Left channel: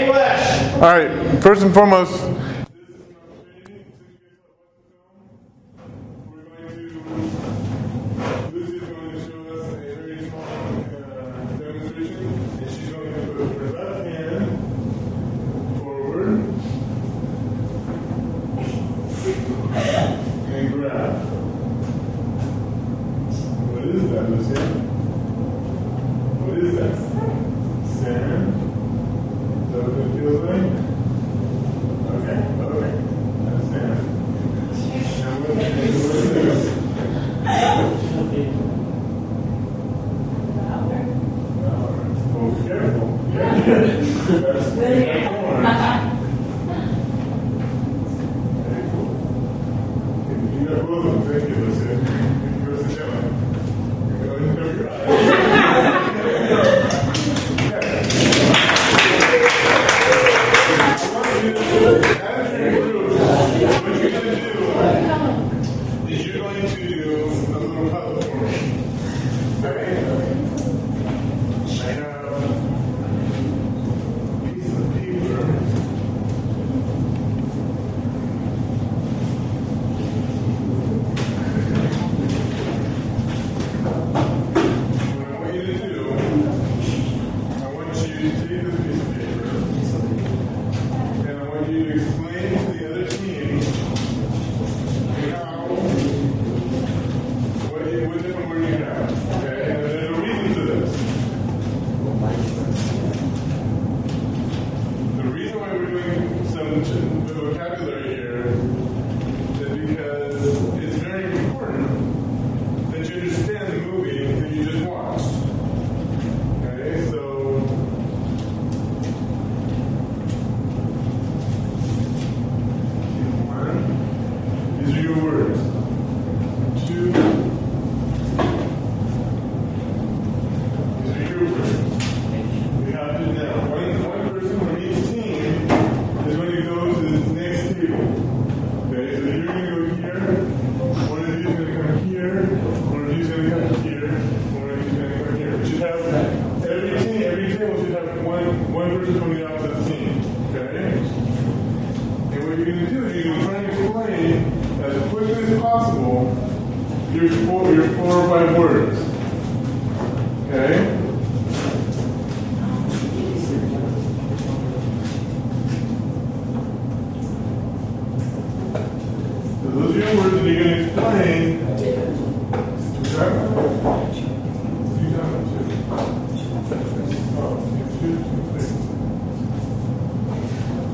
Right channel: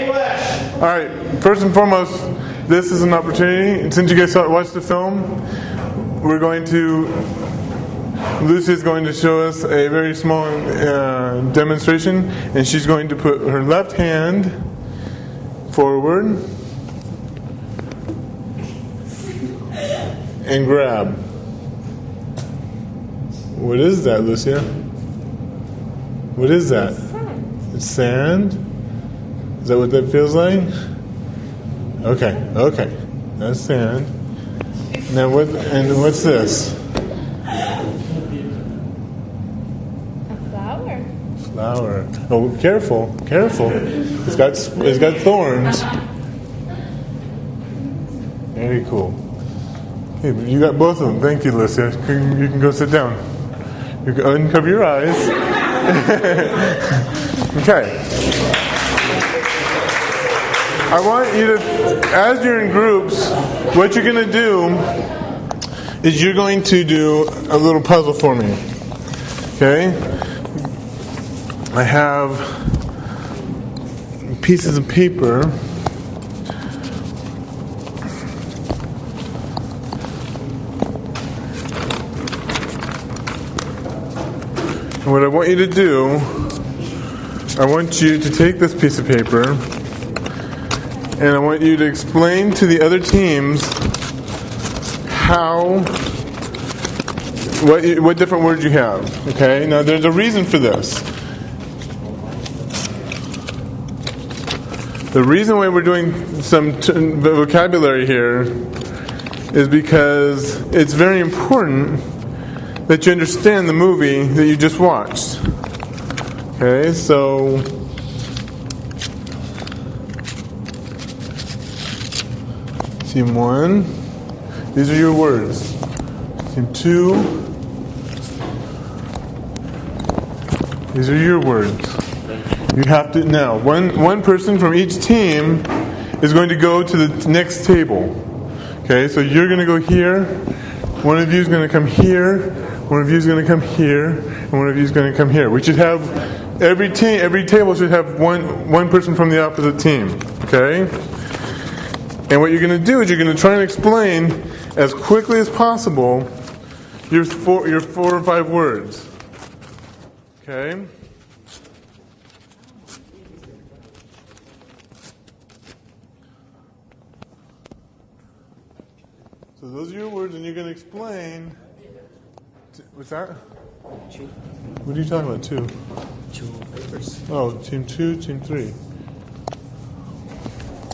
All right, first and foremost, this is an opportunity. Since you guys watched the film, Lucy's going to show us a very small demonstration, and she's going to put her left hand forward and grab. What is that, Lucia? What is that? Sand? Is that what that feels like? Okay. That's sand. Now what's this? Flower. Oh, careful. It's got thorns. Very cool. Okay, you got both of them. Thank you, Lucia. You can go sit down. You can uncover your eyes. Okay. I want you to, as you're in groups, what you're going to do is you're going to do a little puzzle for me. Okay? I have pieces of paper. And what I want you to do, I want you to take this piece of paper and I want you to explain to the other teams what different words you have. Okay? Now there's a reason for this. The reason why we're doing some vocabulary here is because it's very important that you understand the movie that you just watched. Okay, so Team 1, these are your words. Team 2, these are your words. You have to, now, one person from each team is going to go to the next table. Okay, so you're going to go here, one of you is going to come here, one of you is going to come here, and one of you is going to come here. We should have, every table should have one person from the opposite team. Okay? And what you're going to do is you're going to try and explain as quickly as possible your four or five words. Okay? So those are your words, and you're going to explain. What are you talking about, two? Oh, team 2, team 3.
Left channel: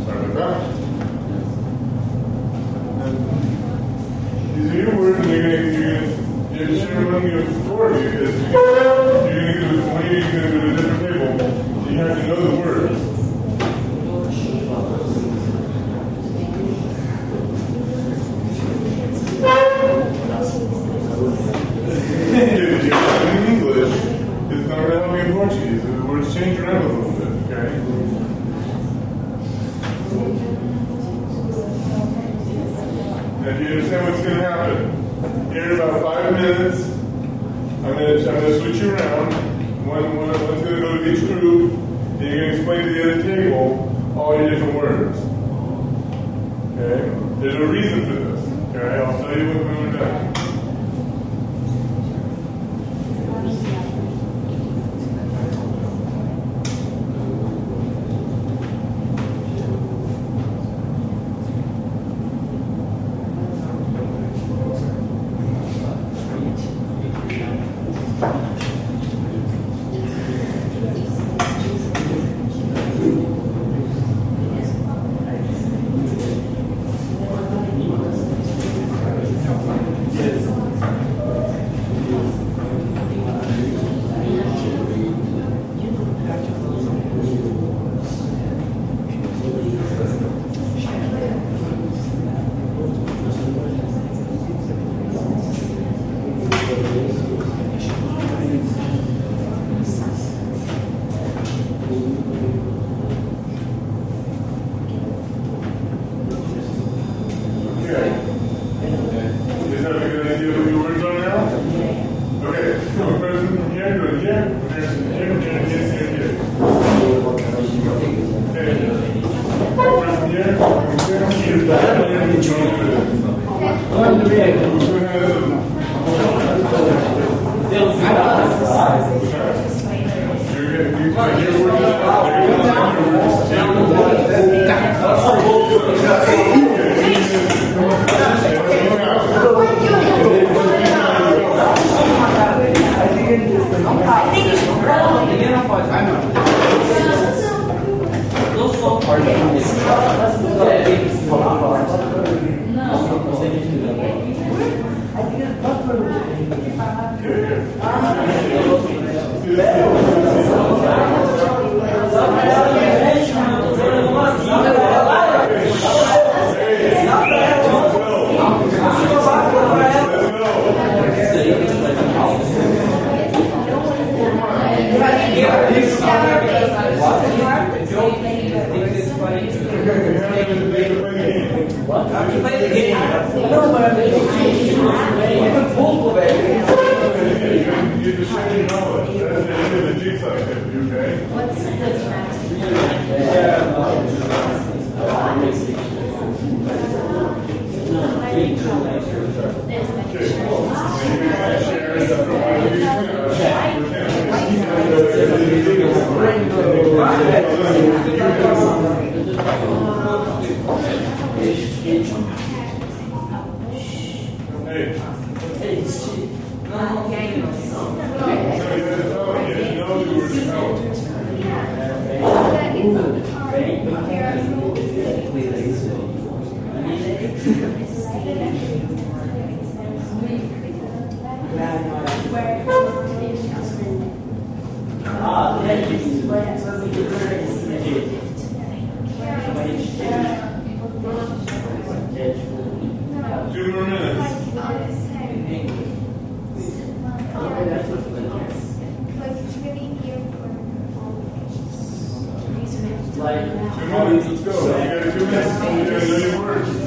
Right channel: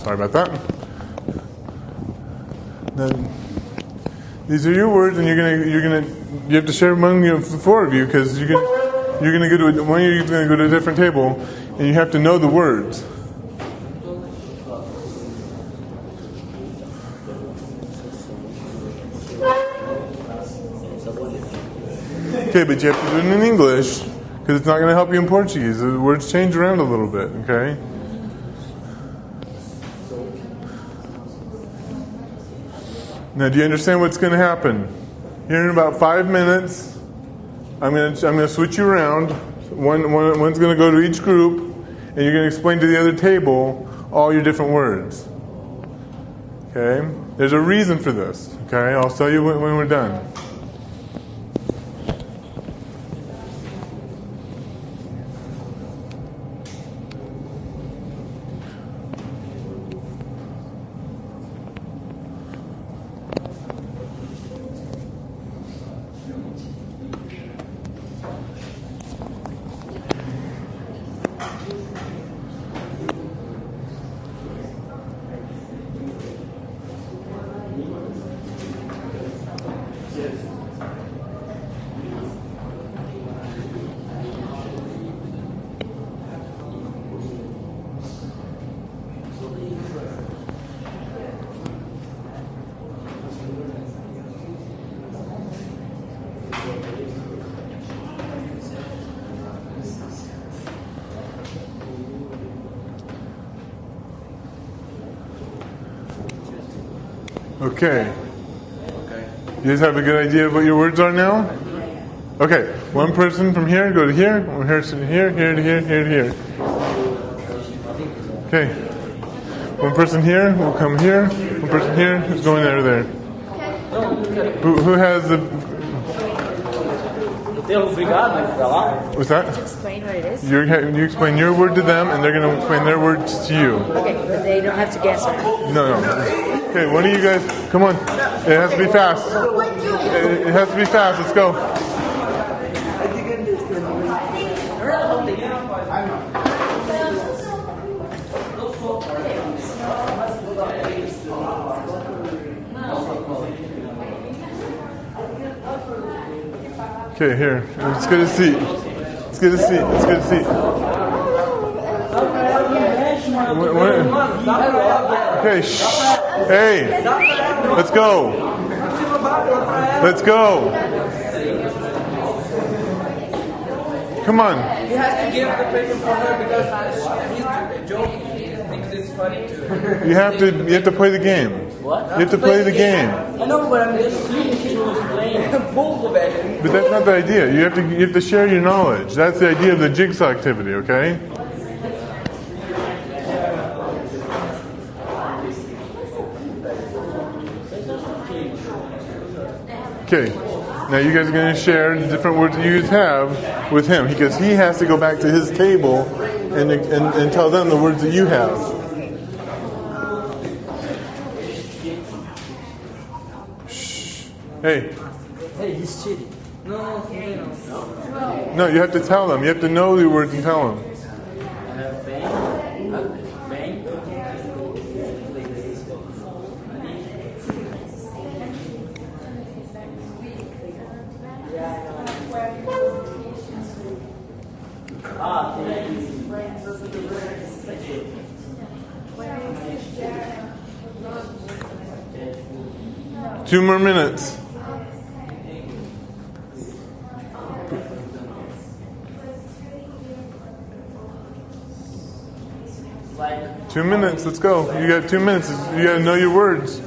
Sorry about that. Then these are your words, and you have to share among the four of you because you're going to go to one of you is going to go to a different table, and you have to know the words. Okay, but you have to do it in English because it's not going to help you in Portuguese. The words change around a little bit. Okay. Now, do you understand what's going to happen? Here in about 5 minutes, I'm going to switch you around. One's going to go to each group, and you're going to explain to the other table all your different words. Okay? There's a reason for this. Okay? I'll tell you when we're done. Okay. You guys have a good idea of what your words are now? Okay. One person from here, go to here. One person here, here to here, here to here. Okay. One person here, come here, person here, join there. Who has the... What's that? You explain your word to them, and they're going to explain their words to you. No. Okay, what do you guys... Come on. It has to be fast. It has to be fast. Let's go. Okay, here. Let's get a seat. Let's get a seat. Let's get a seat. Okay, shh. Hey, let's go. Let's go. Come on. You have to play the game. You have to play the game. But that's not the idea. You have to share your knowledge. That's the idea of the jigsaw activity, okay? Okay, now you guys are going to share the different words that you have with him, because he has to go back to his table and tell them the words that you have. Hey. No, you have to tell them. You have to know the words to tell them. 2 more minutes. Like 2 minutes, let's go. You got 2 minutes. You gotta know your words.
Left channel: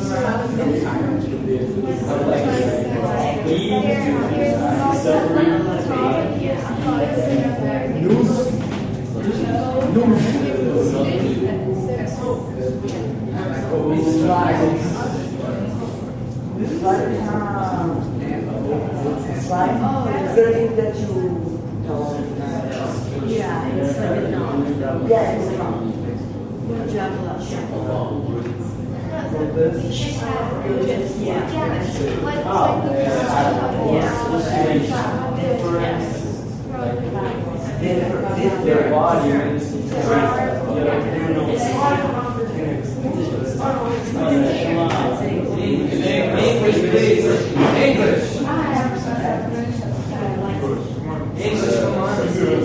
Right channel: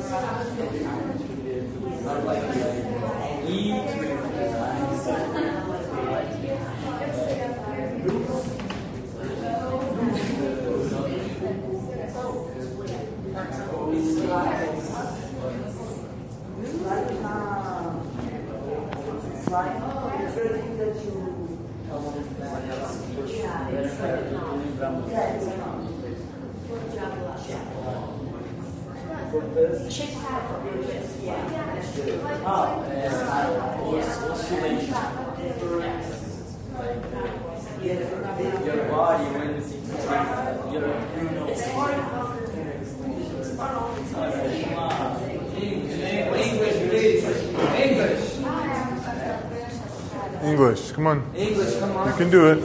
English, come on. English, come on. You can do it.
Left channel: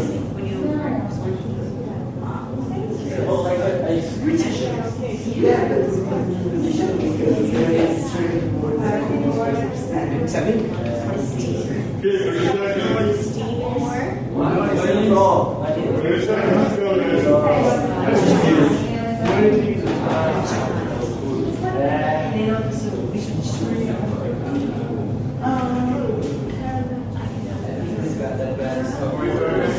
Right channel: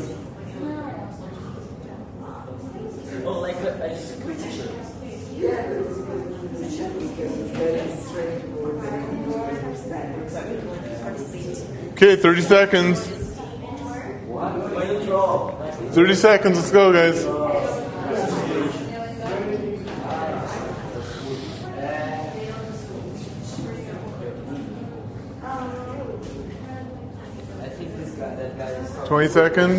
Okay, 30 seconds. 30 seconds, let's go, guys. Seconds.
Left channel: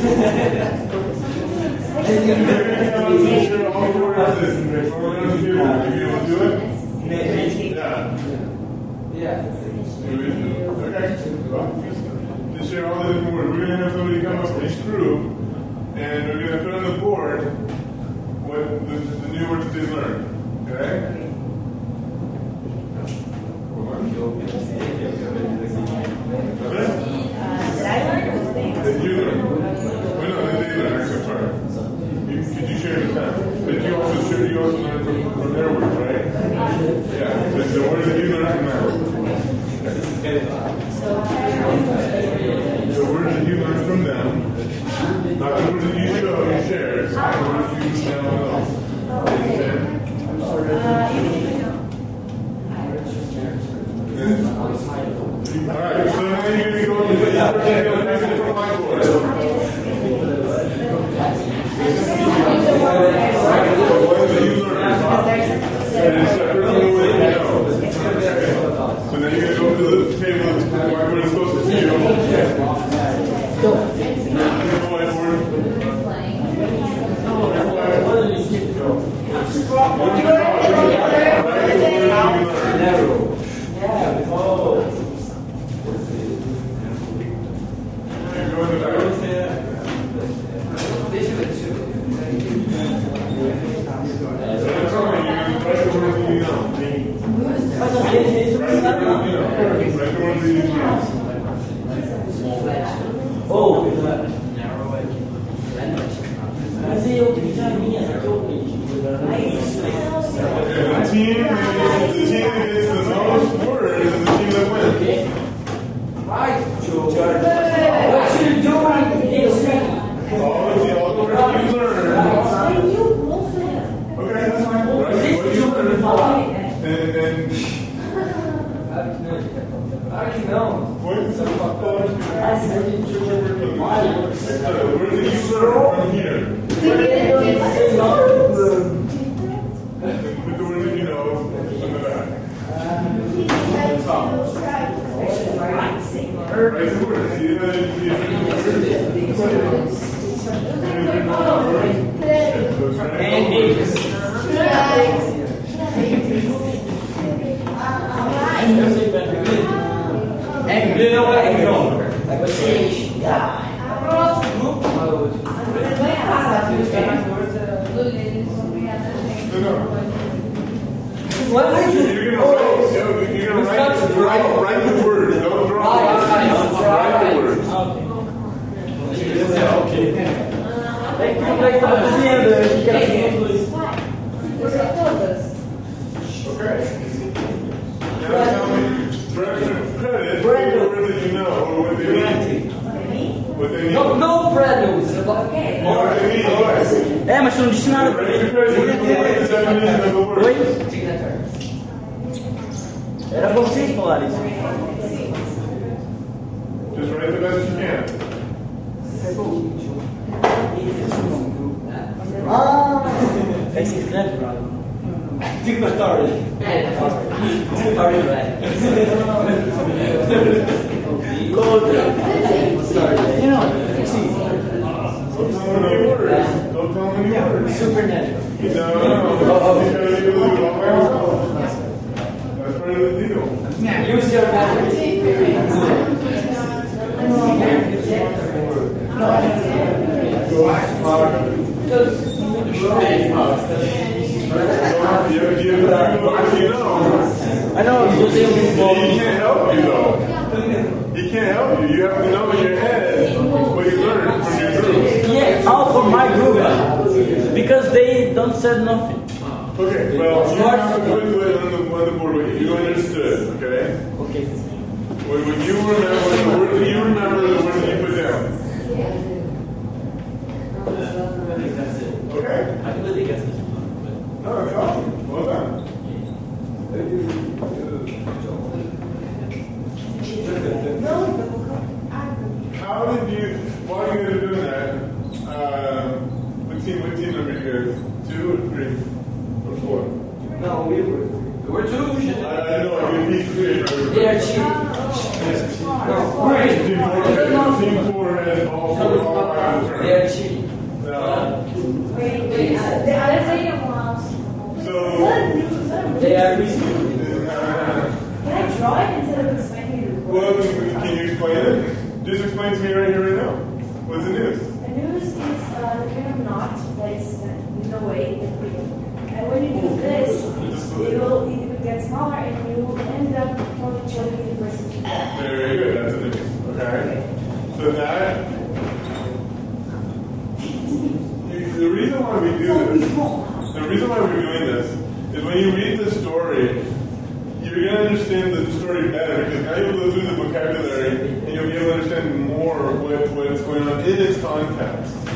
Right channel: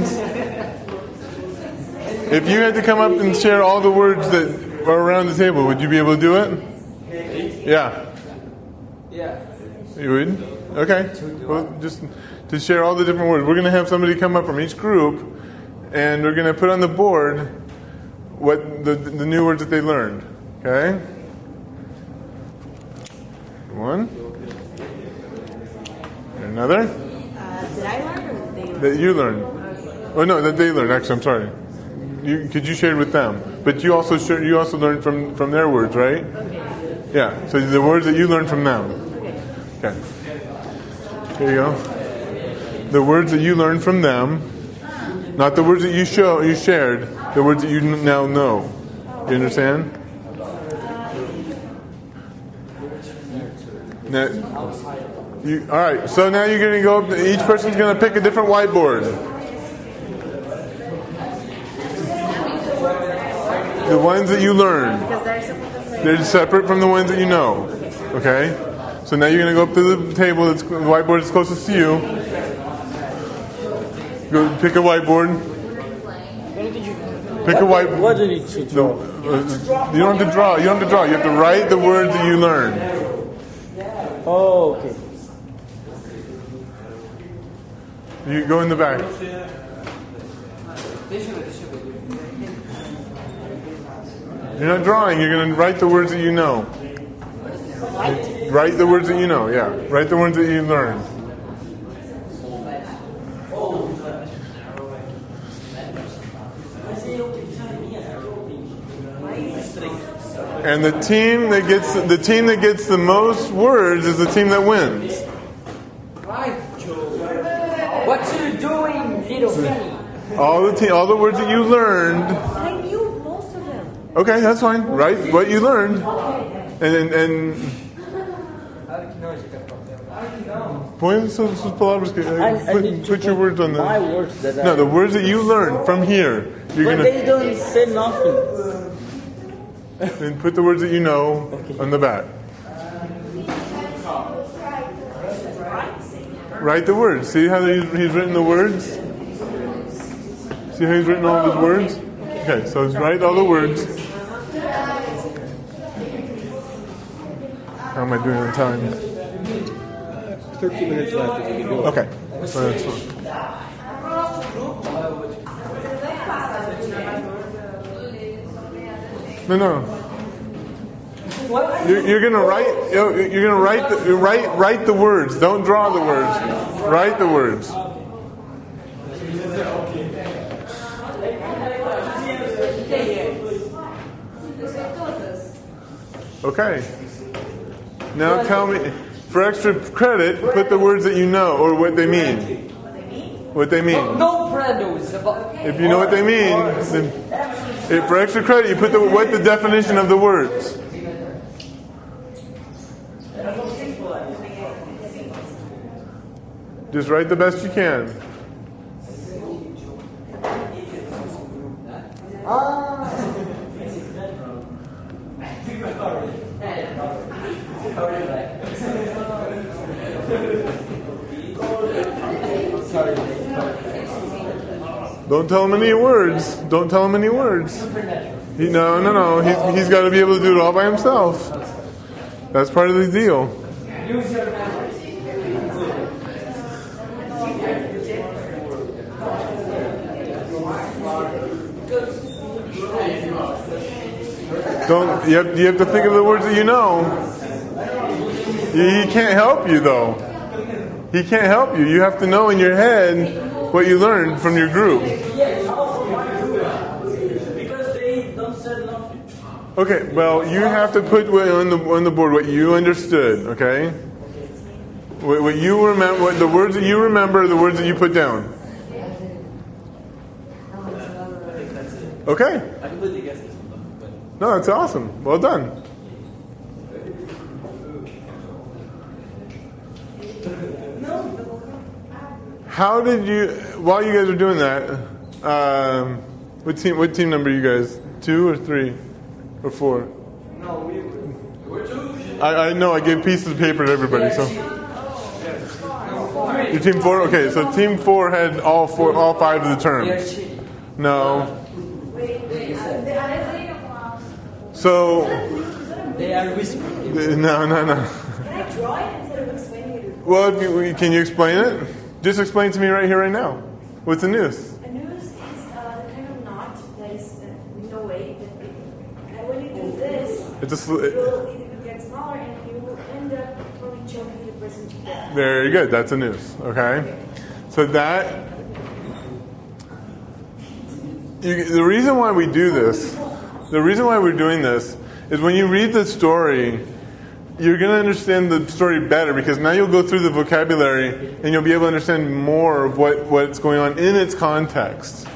If you had to come up and share all the words that are around the table, would you be able to do it? Yeah. You would? Okay. Well, just share all the different words. We're going to have somebody come up from each group, and we're going to put on the board what the new words that they learned. Okay? One. Another. That you learned. Oh no, that they learned. Actually, I'm sorry. Could you share with them? But you also learned from their words, right? Yeah. So the words that you learned from them. Okay. There you go. The words that you learned from them, not the words that you shared. The words that you now know. Do you understand? All right, so now you're going to go, each person's going to pick a different whiteboard. The ones that you learned. They're separate from the ones that you know. Okay? So now you're going to go up to the table, the whiteboard is closest to you. Go pick a whiteboard. Pick a white. What did it say? No, you don't have to draw. You don't have to draw. You have to write the words that you learn. Oh. You go in the back. You're not drawing. You're going to write the words that you know. Write the words that you know. Yeah. Write the words that you learn. Oh. And the team that gets the most words is the team that wins. What you doing? All the words that you learned. Okay, that's fine. Write what you learned. And point some palabras. Put your words on there. No, the words that you learned from here. You're gonna, and put the words that you know on the back. Write the words. See how he's written the words? See how he's written all the words? Okay, so write all the words. Oh my goodness, okay. No. You're gonna write the words. Don't draw the words. Write the words. Okay. Now tell me, for extra credit, put the words that you know or what they mean. What they mean. If you know what they mean, then for extra credit, you put what the definition of the word. Just write the best you can. Don't tell him any words. Don't tell him any words. No. He's got to be able to do it all by himself. That's part of the deal. Use your You have to think of the words that you know. He can't help you though. He can't help you. You have to know in your head what you learned from your group. Yeah, all from my group. Because they don't say nothing. Okay, well, you have to put on the board what you understood, okay? Okay. What you remember, the words that you remember, the words that you put down. Okay? No, that's awesome. Well done. How did you, while you guys were doing that, what team number are you guys? 2 or 3 or 4? No, we were 2. I know, I gave pieces of paper to everybody. So. Team 4? Okay, so team 4 had all 5 of the terms. No. So, no. Can I draw it instead of explaining it? Well, can you explain it? Just explain to me right here, right now. What's the news? The news is the kind of knot that is no way that big. And when you do this, it will get smaller and you will end up totally choking the person to death. Very good. That's a news. Okay. So that. The reason why we do this, the reason why we're doing this, is when you read the story, you're going to understand the story better because now you'll go through the vocabulary and you'll be able to understand more of what's going on in its context.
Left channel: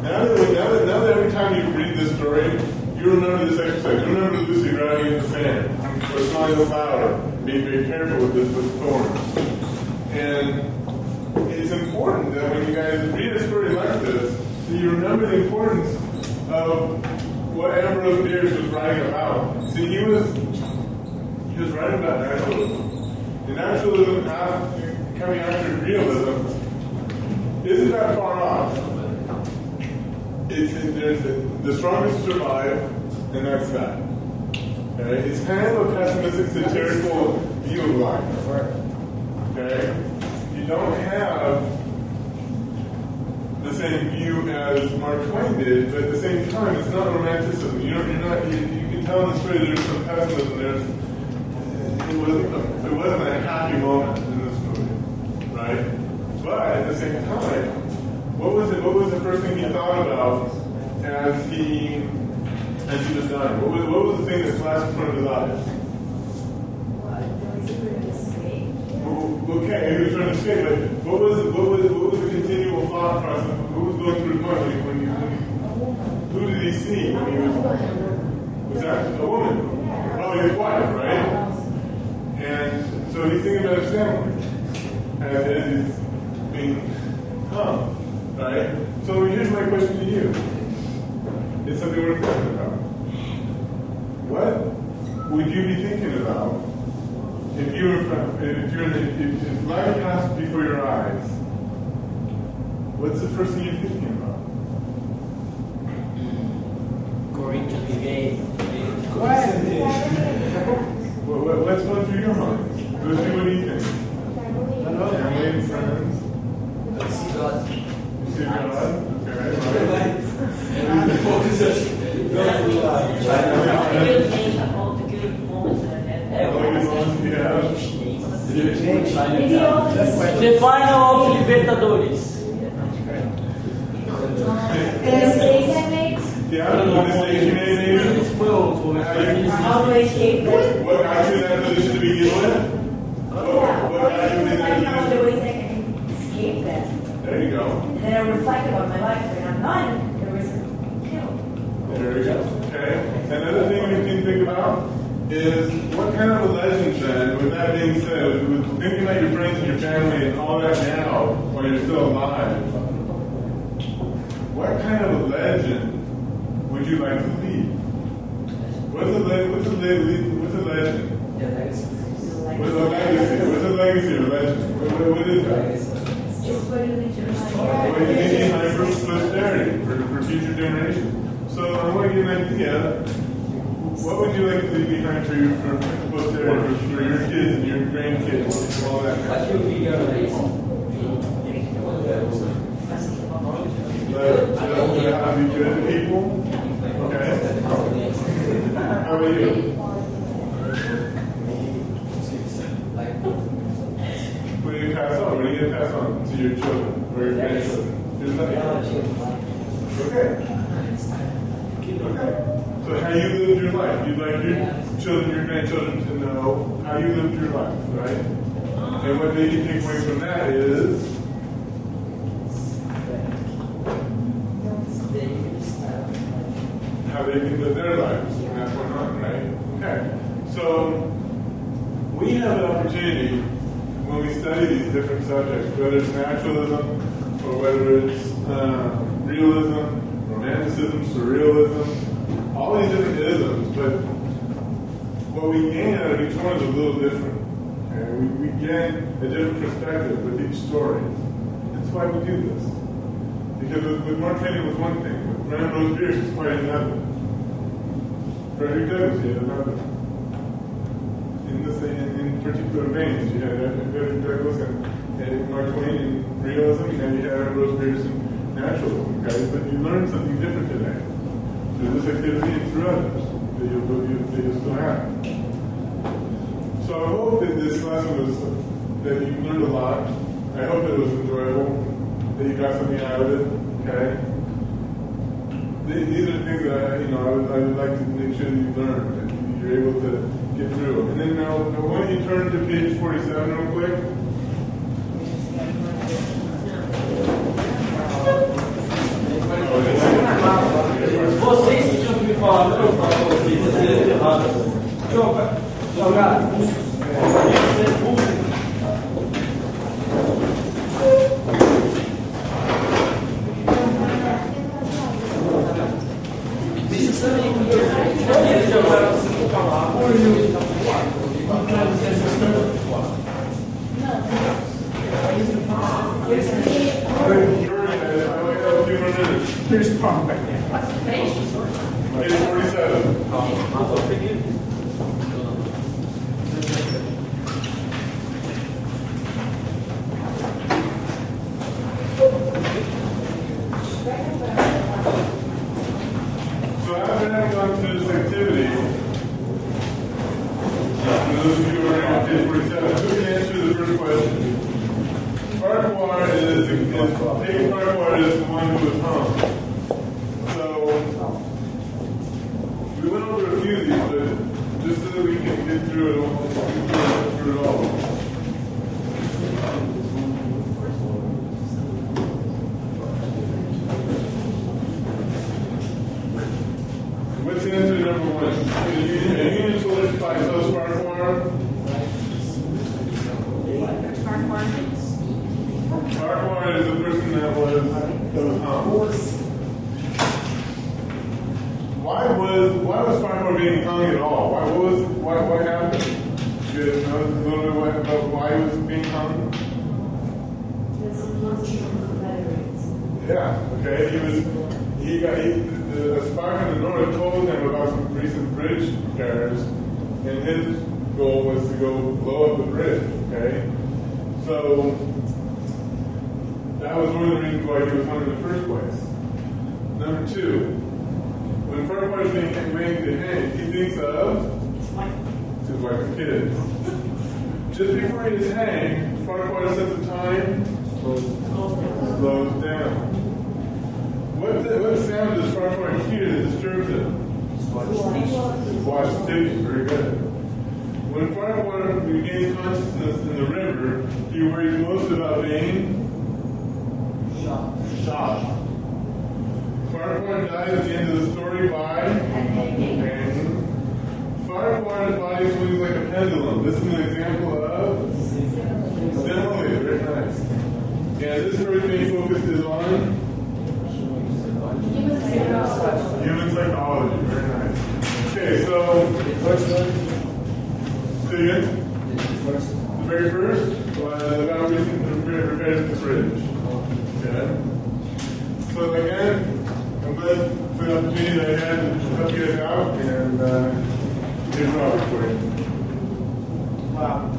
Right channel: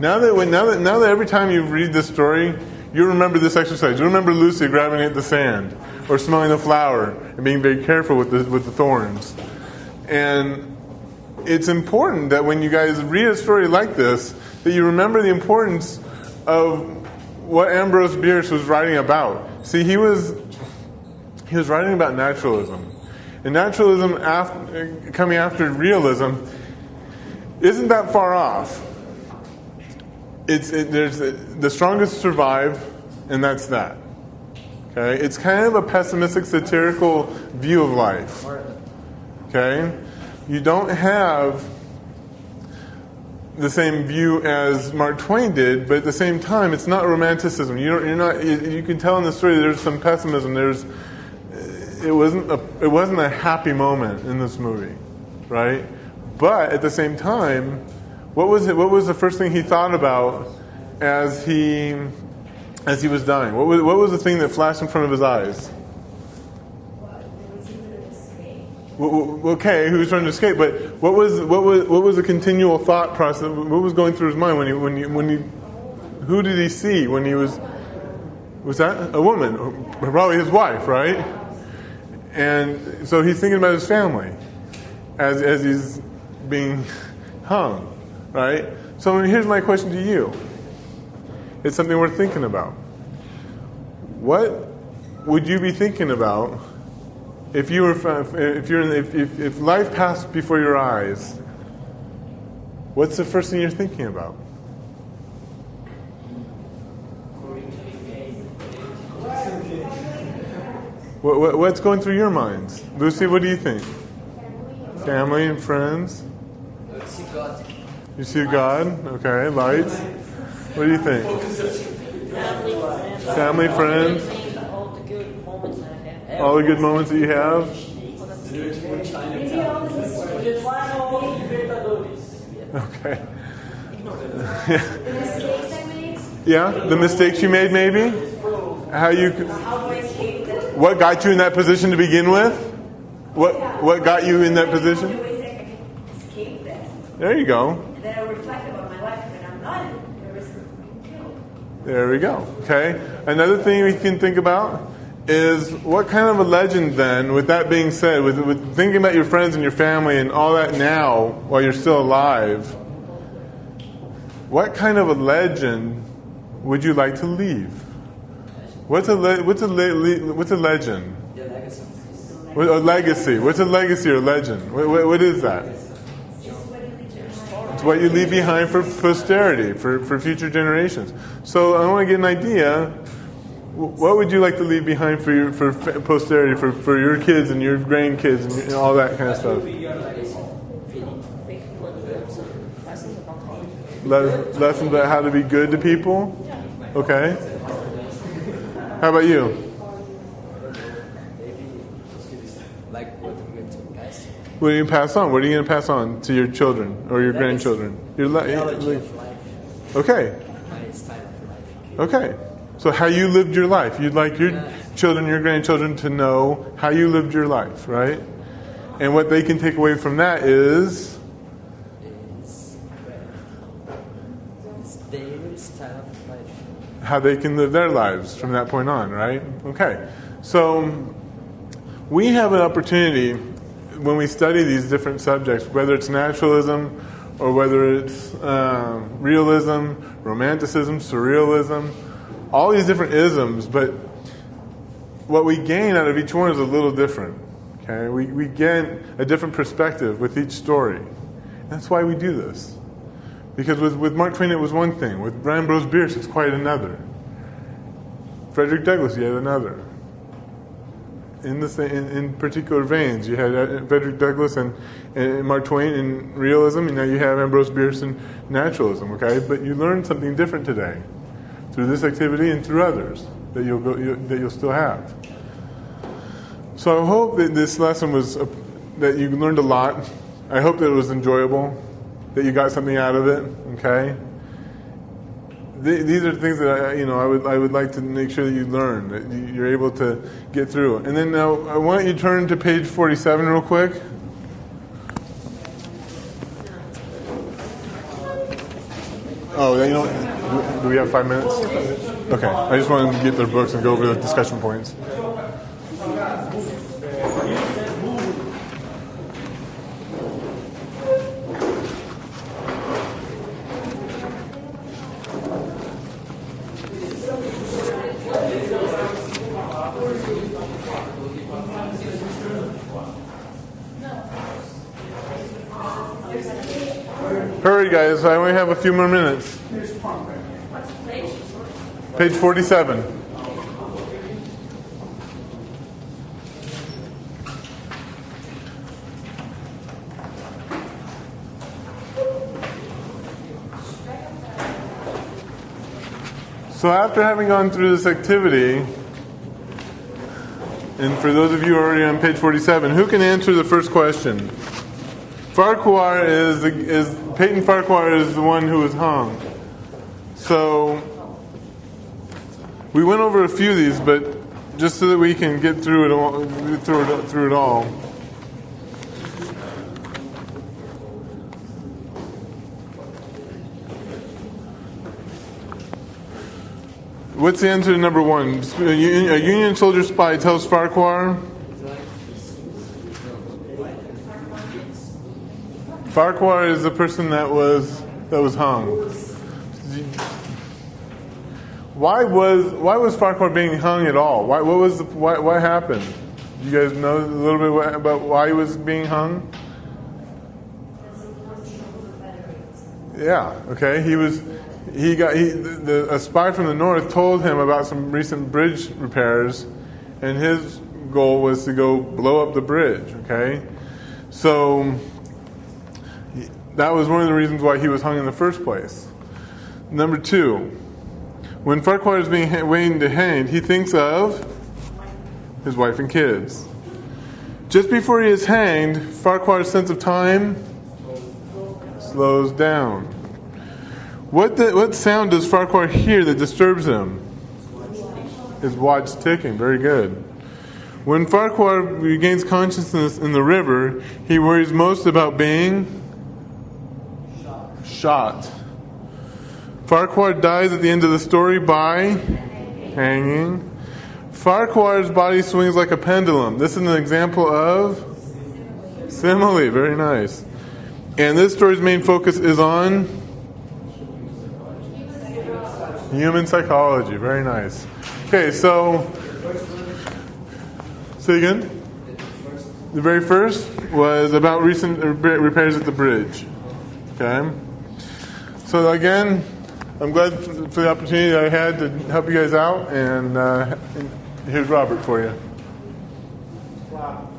Now that every time you read this story, you remember this exercise. You remember Lucy grabbing at the sand or smelling the flower and being very careful with the thorns. And it's important that when you guys read a story like this, that you remember the importance of what Ambrose Bierce was writing about. See, he was writing about naturalism. And naturalism, coming after realism, isn't that far off. the strongest survive, and that's that. Okay? It's kind of a pessimistic, satirical view of life. Okay? You don't have the same view as Mark Twain did, but at the same time, it's not romanticism. You can tell in the story that there's some pessimism. It wasn't a happy moment in this movie, right? But at the same time, what was the first thing he thought about as he was dying? What was the thing that flashed in front of his eyes? Okay, he was trying to escape, but what was the continual thought process? What was going through his mind when he who did he see when he was that a woman? Probably his wife, right? And so he's thinking about his family as he's being hung, right? So here's my question to you. It's something worth thinking about. What would you be thinking about if life passed before your eyes? What's the first thing you're thinking about? What's going through your minds? Lucy, what do you think? Family and friends? You see God? Okay, lights. What do you think? Family, friends? All the good moments that you have? The final of Libertadores. Okay. The mistakes I made? Yeah, the mistakes you made, maybe? What got you in that position to begin with? What got you in that position? The ways I can escape that. There you go. And then I reflect about my life, and I'm not in the risk of killing. There we go. Okay. Another thing we can think about is what kind of a legend then, with that being said, with thinking about your friends and your family and all that now while you're still alive, what kind of a legend would you like to leave? What's a legend? A legacy. What's a legacy or legend? What is that? It's what you leave behind for posterity, for future generations. So I want to get an idea. What would you like to leave behind for posterity, for your kids and your grandkids and all that kind of stuff? Lessons about how to be good to people? Okay. How about you? What are you pass on? What are you going to pass on to your children or your grandchildren? Okay. Okay. So how you lived your life. You'd like your children, your grandchildren to know how you lived your life, right? And what they can take away from that is how they can live their lives from that point on, right? Okay. So we have an opportunity when we study these different subjects, whether it's naturalism or whether it's realism, romanticism, surrealism, all these different isms, but what we gain out of each one is a little different. Okay? We gain a different perspective with each story. That's why we do this. Because with Mark Twain it was one thing. With Ambrose Bierce it's quite another. Frederick Douglass, you had another. In particular veins, you had Frederick Douglass and Mark Twain in realism, and now you have Ambrose Bierce in naturalism. Okay, but you learned something different today through this activity and through others that you'll still have. So I hope that this lesson was that you learned a lot. I hope that it was enjoyable, that you got something out of it. Okay. These are things that I would like to make sure that you learn, that you're able to get through. And then now, why don't you turn to page 47 real quick? Oh, you know, do we have 5 minutes? Okay. I just wanted to get the books and go over the discussion points. Hurry, guys. so I only have a few more minutes. Here's Palm right there. What's the page? Page 47. So after having gone through this activity, and for those of you who are already on page 47, who can answer the first question? Peyton Farquhar is the one who was hung. So we went over a few of these, but just so that we can get through it all. What's the answer to number one? A Union soldier spy tells Farquhar. Farquhar is the person that was hung. Why was Farquhar being hung at all? What happened? You guys know a little bit about why he was being hung? Yeah. Okay. A spy from the north told him about some recent bridge repairs, and his goal was to go blow up the bridge. Okay. So that was one of the reasons why he was hung in the first place. Number two, when Farquhar is being waiting to hang, he thinks of his wife and kids. Just before he is hanged, Farquhar's sense of time slows down. What sound does Farquhar hear that disturbs him? His watch ticking. Very good. When Farquhar regains consciousness in the river, he worries most about being shot. Farquhar dies at the end of the story by hanging. Farquhar's body swings like a pendulum. This is an example of simile. Very nice. And this story's main focus is on human psychology. Very nice. Okay, so say again. The very first was about recent repairs at the bridge. Okay. So again, I'm glad for the opportunity that I had to help you guys out, and here's Robert for you. Wow.